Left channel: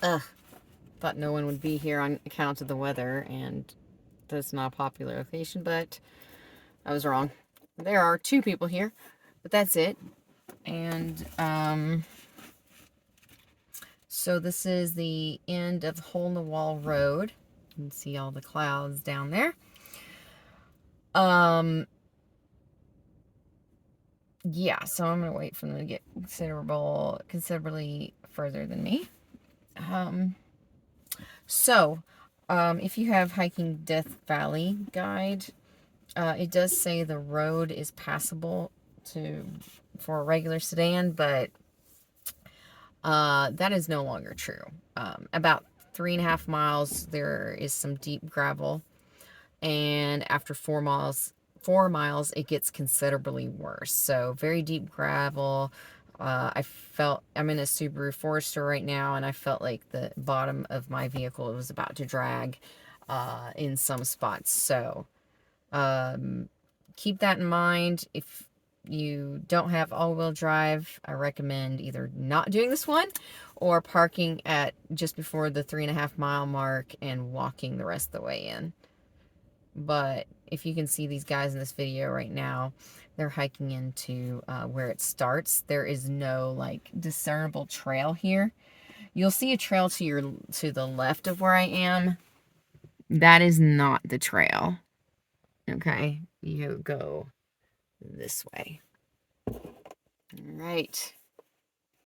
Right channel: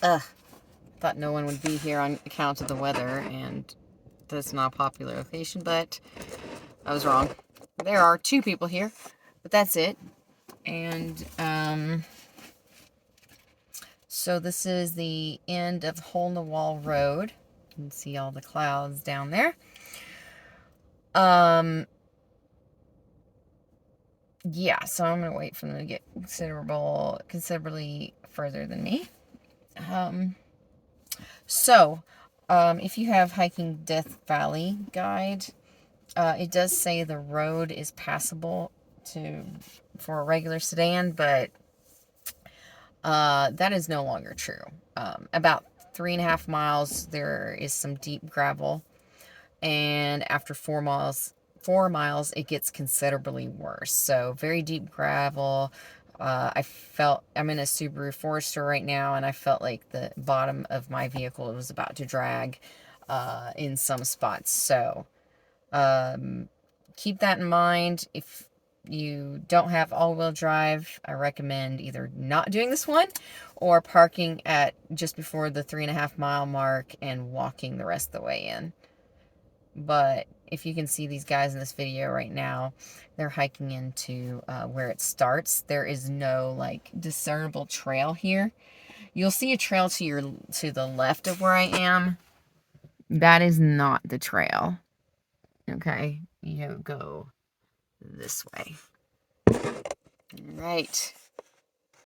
Thought no one would be here on account of the weather, and that's not a popular location, but I was wrong. There are 2 people here, but that's it. And, so this is the end of Hole in the Wall Road. You can see all the clouds down there. Yeah, so I'm gonna wait for them to get considerably further than me. If you have Hiking Death Valley guide, it does say the road is passable for a regular sedan, but that is no longer true. About 3.5 miles, there is some deep gravel, and after 4 miles, it gets considerably worse. So very deep gravel. I'm in a Subaru Forester right now, and I felt like the bottom of my vehicle was about to drag in some spots. So keep that in mind. If you don't have all-wheel drive, I recommend either not doing this one or parking at just before the 3.5 mile mark and walking the rest of the way in. But if you can see these guys in this video right now, they're hiking into where it starts. There is no like discernible trail here. You'll see a trail to the left of where I am. That is not the trail. Okay, you go this way. All right.